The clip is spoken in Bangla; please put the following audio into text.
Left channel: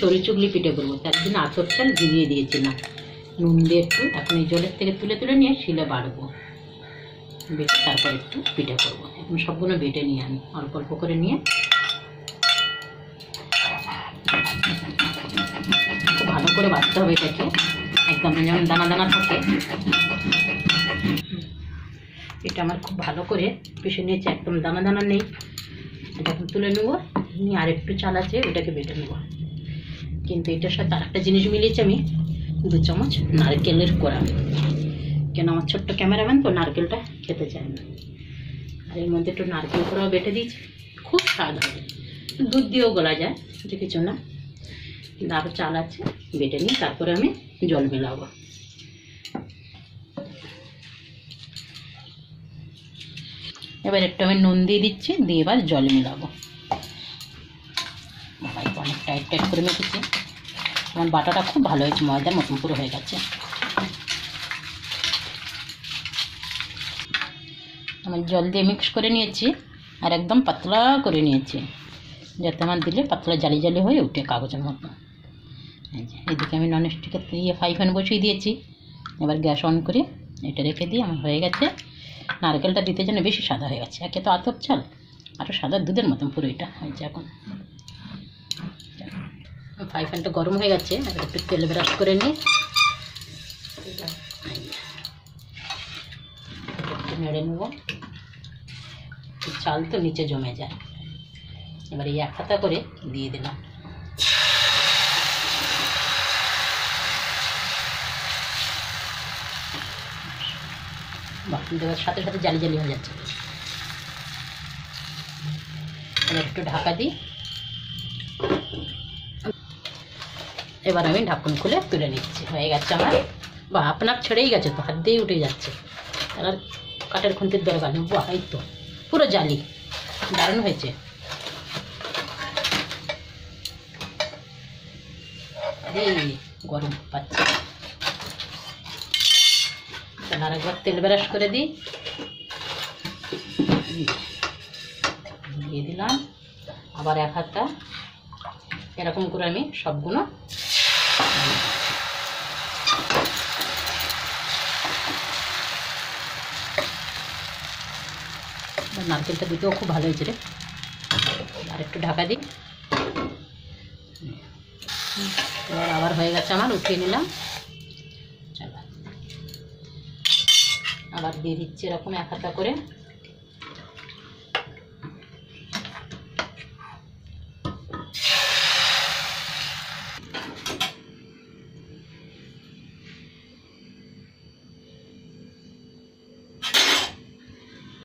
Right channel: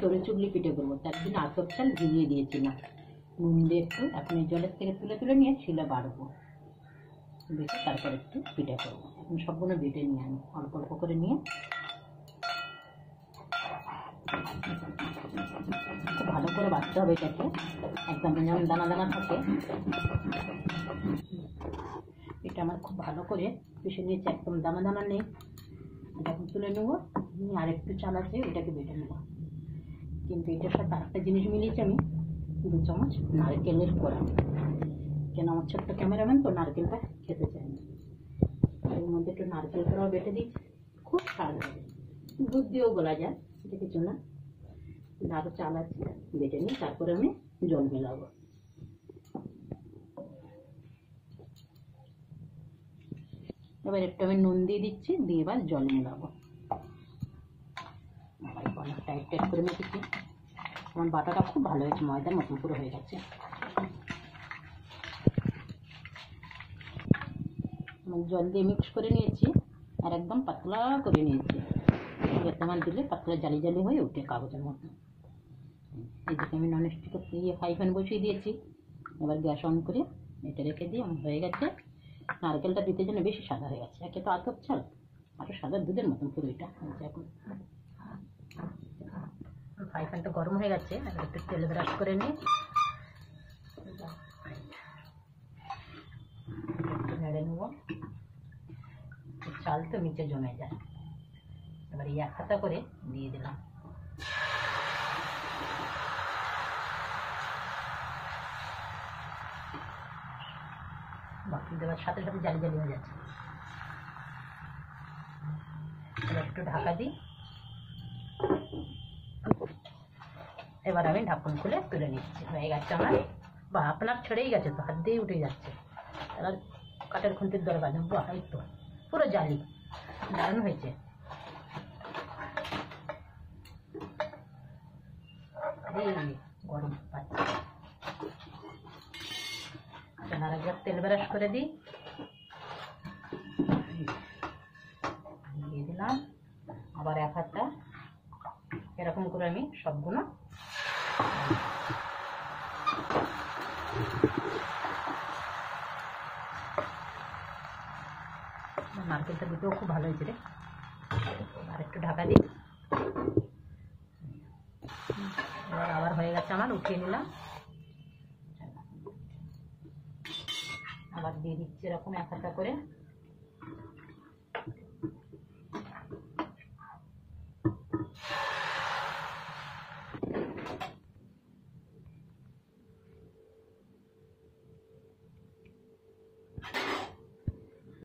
সরু চুগলি পিঠে করবো, তার জন্য আতপ চাল ভিজিয়ে দিয়েছিলাম নুন দিয়ে একটু। এখন এই জলের থেকে তুলে তুলে নিয়ে শিলে বাড়বো, বেটে তারপর একটু পিঠে করবো। এখন সবগুলো বেটে নিয়ে আমি অল্প অল্প করে নিয়ে খুব ভালো করে বাটতে হবে এটাকে, একদম যেমন দানা দানা থাকে। এটা আমার খুব ভালো করে পিষে নিয়েছে, একদম দানা দানা নেই। এটা এখন তুলে নেবো, নিয়ে আর একটু চাল আছে ওটাকে বেটে নেবো। কিন্তু এটার সাথে আর একটা জিনিস মিলিয়েছি আমি, 2 চামচ নারকেলের কোড়া, কেন আমার ছোট্ট ক্যামেরাম্যান তো নারকেলটা খেতে চায় না। আর এর মধ্যে একটু নারকেল কোড়াও বেটে দিয়েছি, খুব স্বাদ হবে। দুধ দিয়েও গলা যায়, যে কিছু না। কিন্তু আরও চাল আছে, বেটে নিই, তারপরে আমি জল মেলাবো। এবার একটু আমি নুন দিয়ে দিচ্ছি, দিয়ে এবার জল মেলাবো। অনেক টাইট টাইট করে মেখেছি, আমার বাটাটা খুব ভালো হয়েছে, ময়দার মতন পুরো হয়ে গেছে। আমি জল দিয়ে মিক্স করে নিয়েছি, আর একদম পাতলা করে নিয়েছি, যাতে আমার দিলে পাতলা জালি জালি হয়ে উঠে কাগজের মতো। এদিকে আমি ননস্টিকের ফ্রাই প্যান বসিয়ে দিয়েছি। এবার গ্যাস অন করে এটা রেখে দিয়ে আমার হয়ে গেছে। নারকেলটা দিতে জন্য বেশি সাদা হয়ে গেছে, একে তো আতপ চাল, আরও সাদা দুধের মতন পুরো এটা হয়েছে। এখন ফ্রাই প্যানটা গরম হয়ে গেছে, এবার একটু তেল ব্রাশ করে নিই, একটু নেড়ে নেব। চাল তো নিচে জমে যায়। এবার এই এক হাতা করে দিয়ে দিলাম। দেওয়ার সাথে সাথে জালি জালি হয়ে যাচ্ছে। এবার একটু ঢাকা দিই। এবার আমি ঢাকন খুলে তুলে নিচ্ছি, হয়ে গেছে আমার। বা আপনার ছেড়েই গেছে তো, হাত দিয়েই উঠে যাচ্ছে, আর কাঠের খুন্তির দরকার নেই। বাহ, এই তো পুরো জালি, দারুণ হয়েছে। এই গরম পাচ্ছে, আর একবার তেল ব্রাশ করে দিই, দিয়ে দিলাম। আবার এক হাতটা এরকম করে আমি সবগুলো নারকেলটা দিতেও খুব ভালো হয়েছে রে। আর একটু ঢাকা দিই। আবার হয়ে গেছে আমার, উঠিয়ে নিলাম। চলো আবার দিয়ে দিচ্ছি এরকম এক হাতা করে।